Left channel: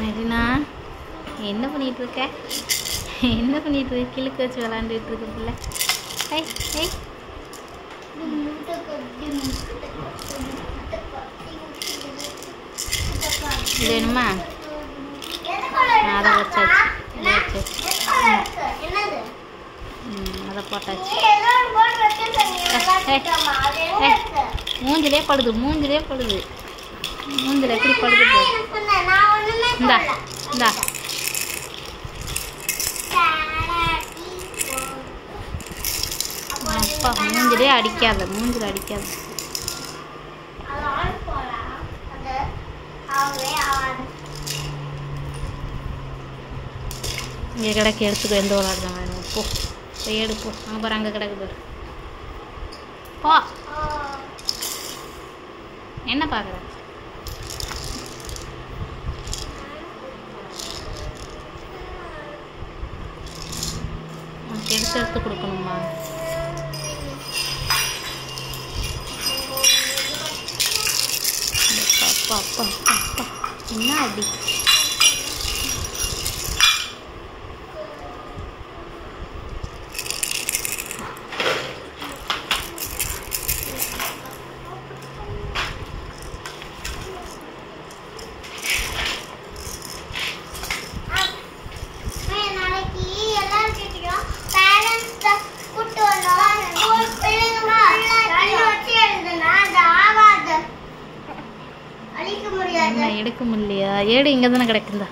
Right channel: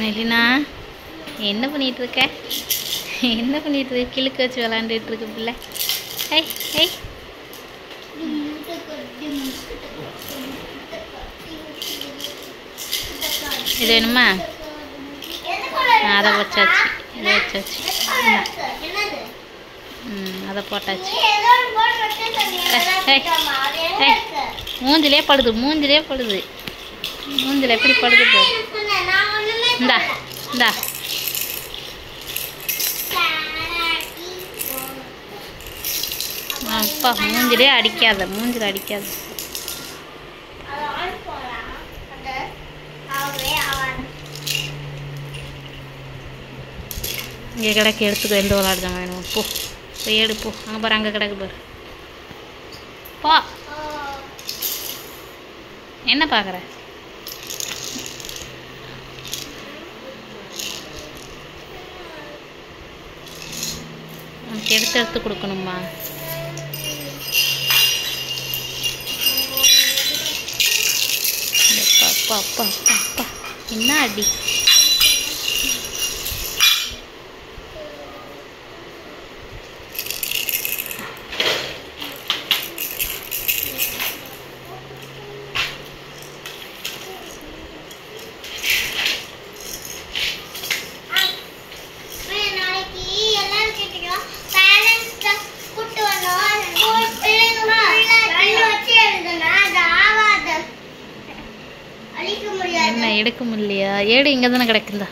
மெலினா என்ன பண்ணிட்டு இருக்க? என்ன பண்ணிட்டு இருக்க? கிழக்கு வச்சு விளாண்டுட்டு இருக்க பிள்ளை. ஹை ஹை இது வேணுமா? அதை வச்சாச்சு, இதை வச்சாச்சு. அதை போட்டாச்சு. மூஞ்சிலே படுது, மூஞ்சிலே படுது, மூஞ்சில் எப்படி படுது? இந்தா இந்தா அப்பா மூஞ்சிலே அடிக்காத, மூஞ்சில் அடிக்காத. இங்கே கிடக்கு, எடுத்துக்கோ. எந்த விளாடுதான் வேணும்? போ போய் எடு, போ. அங்கே பாரு, அங்கே கிடக்கு பாரு. போ. என்ன பார்க்குற? உனக்கு எடுத்து எடுத்து கொடுக்கணுமா? அப்பா அப்பா அப்பா அப்பா என்ன அடி! என்ன எடுக்க முடியலையா? ஏடு இங்கே தானே கிடக்குந்தா.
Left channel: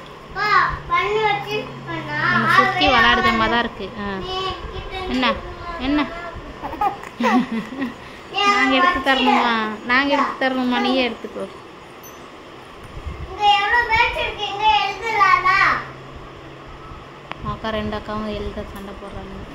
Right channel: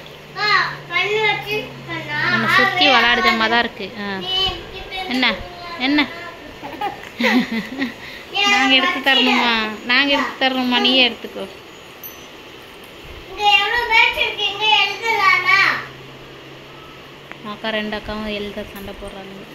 நம்ம சுற்றி விளாடுதம்மா தான் இருக்கு. என்ன என்ன நாங்கள் எடுத்து தரணுமா? நாங்கள் எடுத்து தரணுமா? நீயே எடுத்துக்கோ. அக்கா ரெண்டு அக்காவும் எழுத சண்டை போடுறாங்க.